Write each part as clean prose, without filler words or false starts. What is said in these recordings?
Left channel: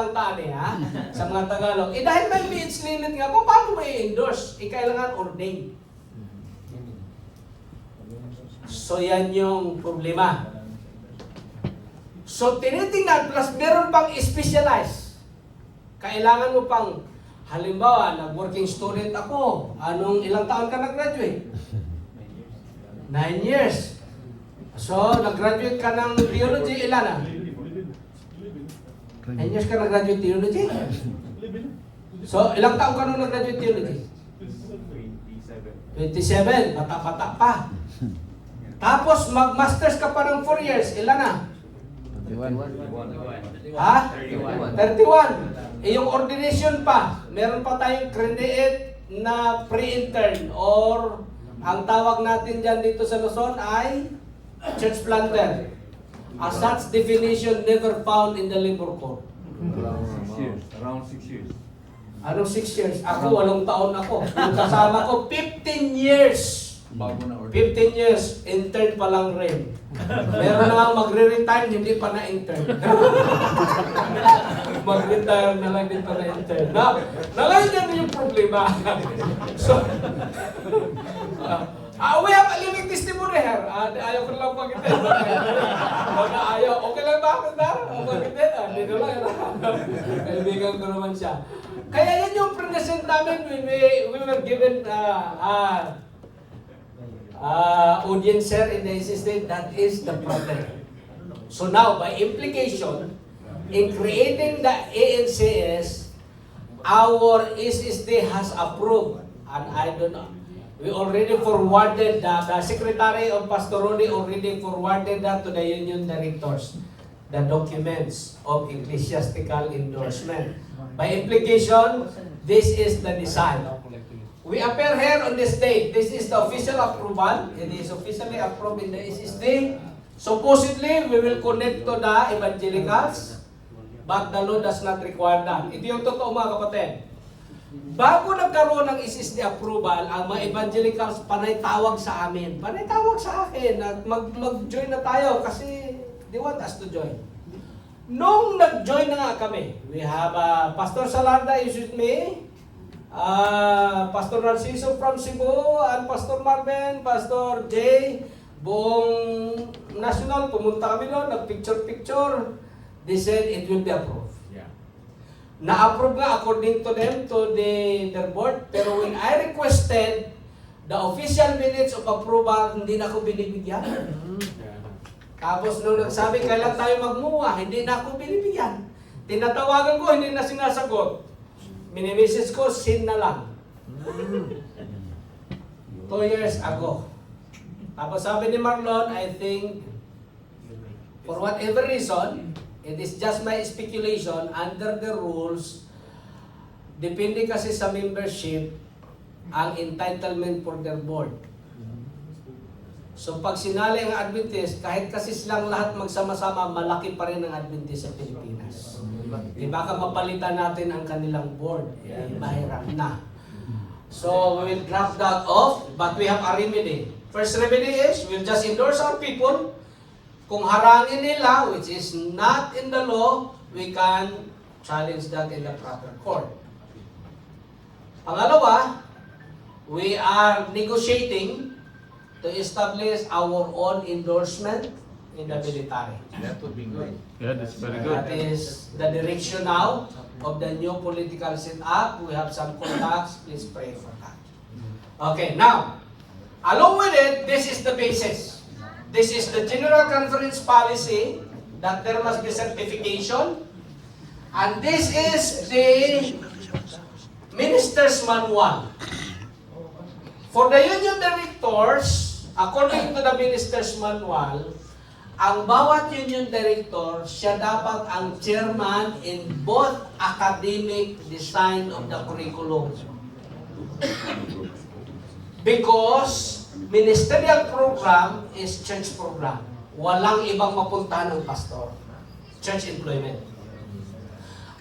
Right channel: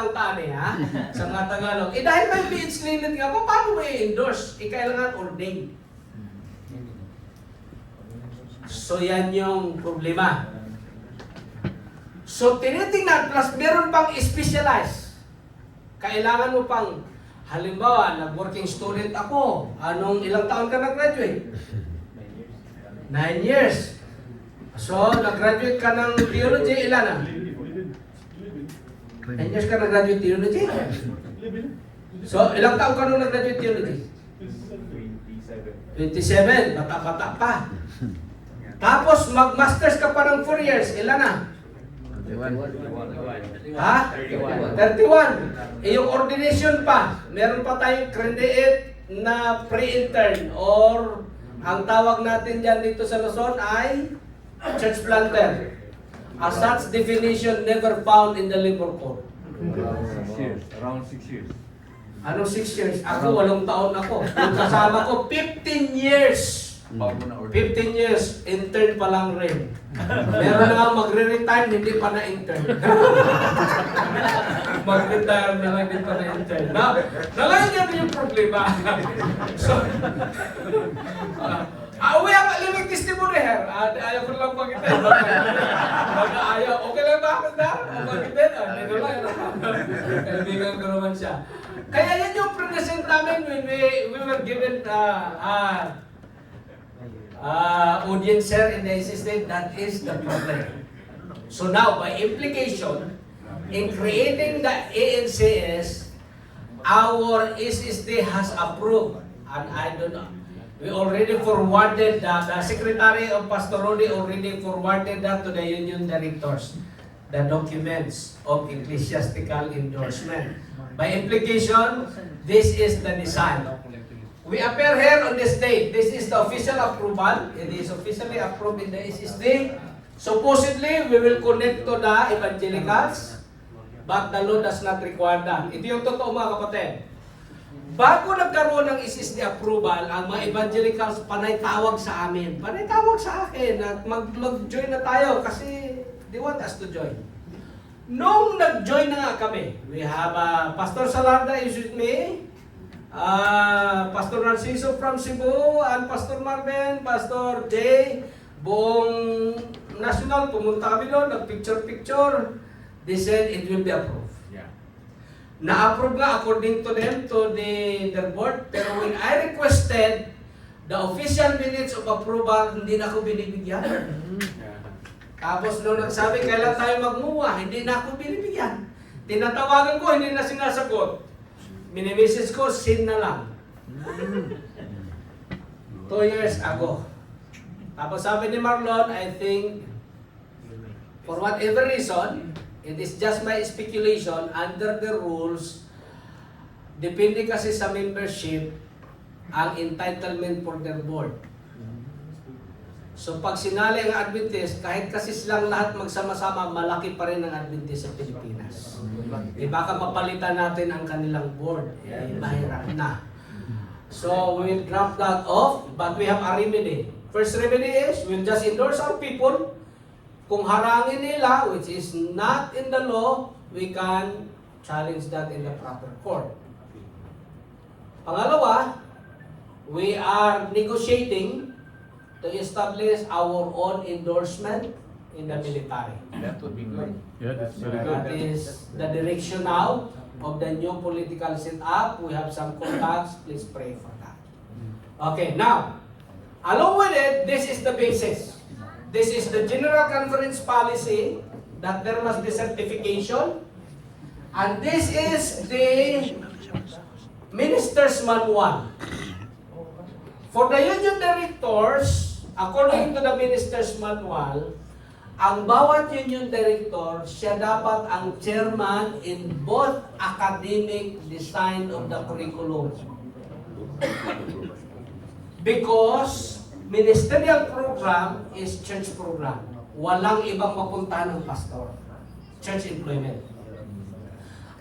ang tani ha, sa mga Tagalog. Eh dahil may age limit nga, paano mo i-endorse? Kailangan ordained. So yan yung problema. So tinitingnan, plus meron pang specialized. Kailangan mo pang, halimbawa, nag-working student ako. Ilang taon ka nag-graduate? 9 years. So, nag-graduate ka ng theology, ilan na? 9 years ka nag-graduate theology? So, ilang taon ka nung nag-graduate theology? 27. Bata-bata pa. Tapos, mag-masters ka pa ng 4 years, ilan na? 31. Ha? 31. Eh, yung ordination pa, meron pa tayong credit na pre-intern or ang tawag natin dyan dito sa Luzon ay church planter. As such definition never found in the labor code. Around 6 years. Anong 6 years? Ako, 8 taon ako. Yung kasama ko, 15 years. 15 years, intern pa lang rin. Meron na nga magre-retire, hindi pa na-intern. Mag-retire na lang, hindi pa na-intern. Nalayan yung problema. So, we have a living testimony here. Ayaw ko lang pagitin. Ayaw. Okay lang ba ako na? Pagitin? Dito lang. Kaibigan ko naman siya. Kaya yan yung present namin when we were given audience here in the SSD. That is the problem. So now, by implication, in creating the ANCS, our SSD has approved, and I don't know, we already forwarded that, the Secretary of Pastorally already forwarded that to the union directors, the documents of ecclesiastical endorsement. By implication, this is the design. We appear here on this date. This is the official approval. It is officially approved in the SSD. Supposedly, we will connect to the evangelicals, but the law does not require that. Ito yung totoo mga kapatid. Bago nagkaroon ng SSD approval, ang mga evangelicals panay tawag sa amin. Panay tawag sa akin na mag-join na tayo kasi they want us to join. Nung nag-join na nga kami, we have Pastor Salarda is with me, Pastor Narciso from Cebu, and Pastor Marvin, Pastor Jay, buong national, pumunta kami doon, nag-picture-picture. They said it will be approved. Na-approve nga according to them, to their board. Pero when I requested the official minutes of approval, hindi na ako binibigyan. Tapos nung nagsabi, kailan tayo magmuha, hindi na ako binibigyan. Tinatawagan ko, hindi na sinasagot. Mini-message ko, sin na lang. 2 years ago. Tapos sabi ni Marlon, I think, for whatever reason, it is just my speculation, under the rules, depende kasi sa membership, ang entitlement for their board. So pag sinali ang Adventist, kahit kasi silang lahat magsama-sama, malaki pa rin ang Adventist sa Pilipinas. Di baka mapalitan natin ang kanilang board. Mahirap na. So we will draft that off, but we have a remedy. First remedy is, we'll just endorse our people. Kung harangin nila, which is not in the law, we can challenge that in the proper court. Pangalawa, we are negotiating to establish our own endorsement in the military. That would be good. Yeah, that's very good. That is the direction now of the new political setup. We have some contacts. Please pray for that. Okay, now, along with it, this is the basis. This is the General Conference policy that there must be certification. And this is the Minister's Manual. For the union directors, according to the Minister's Manual, ang bawat union director, siya dapat ang chairman in both academic design of the curriculum. Because ministerial program is church program. Walang ibang mapunta ng pastor. Church employment.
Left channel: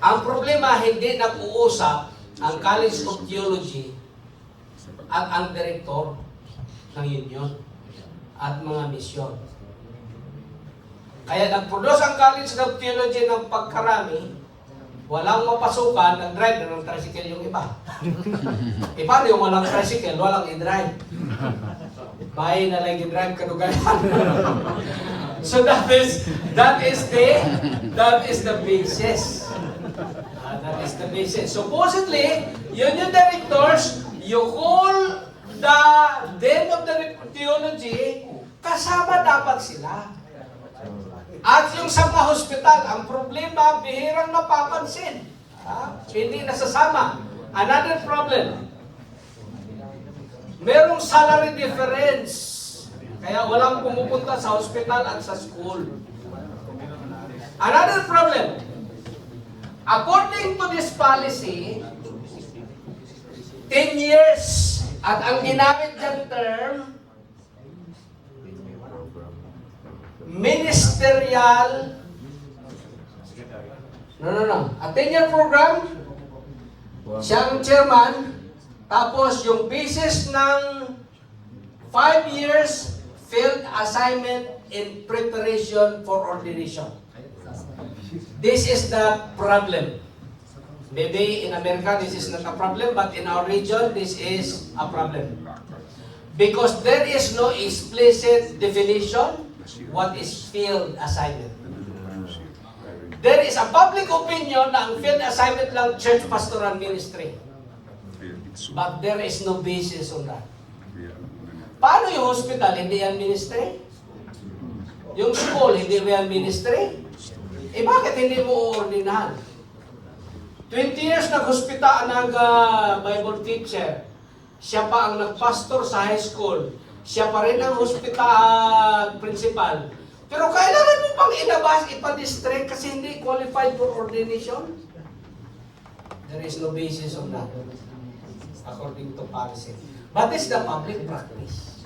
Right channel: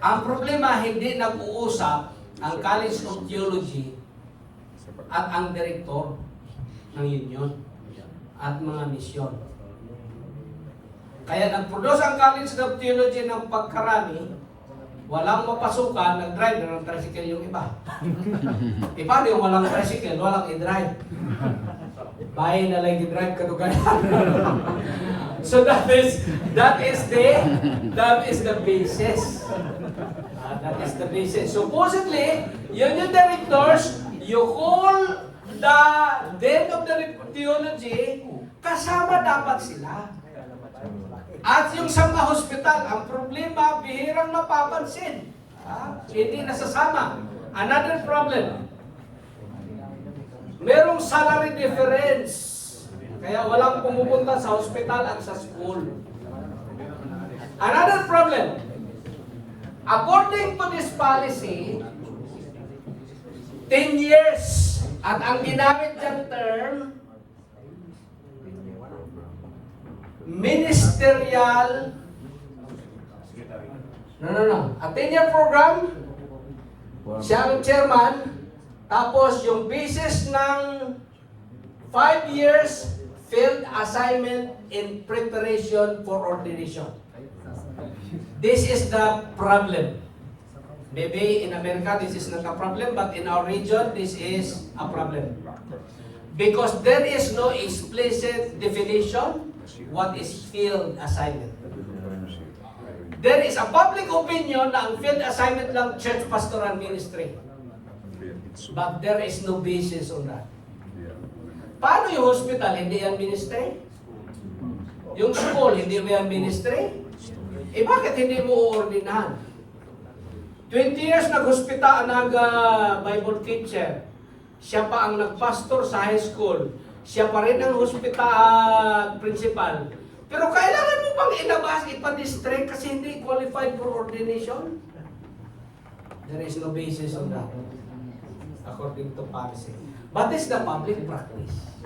Ang problema, hindi nag-uusap ang College of Theology at ang direktor ng union at mga misyon. Kaya nag-produce ang College of Theology ng pagkarami, walang mapasukan, nag-drive na ng tricycle yung iba. Paano yung walang tricycle, walang i-drive? Bahay na lang i-drive kadugayan. So that is the basis. That is the basis. Supposedly, union directors, you call the dean of the theology, kasama dapat sila. At yung sa mga hospital, ang problema, bihirang napapansin. Hindi nasasama. Another problem, merong salary difference. Kaya walang pumupunta sa hospital at sa school. Another problem, according to this policy, 10 years. At ang ginamit dyan term, ministerial, a 10-year program, siya ang chairman, tapos yung basis ng 5 years field assignment in preparation for ordination. This is the problem. Maybe in America this is not a problem, but in our region this is a problem. Because there is no explicit definition what is field assignment. There is a public opinion na ang field assignment lang church pastoral ministry. But there is no basis on that. Paano yung hospital, hindi yan ministry? Yung school, hindi ba yan ministry? Eh bakit hindi mo uordinahan? 20 years nag-hospital ang Bible teacher. Siya pa ang nagpastor sa high school. Siya pa rin ang hospital principal. Pero kailangan mo pang ilabas, ipa-district kasi hindi qualified for ordination? There is no basis on that, according to policy. But this is the public practice.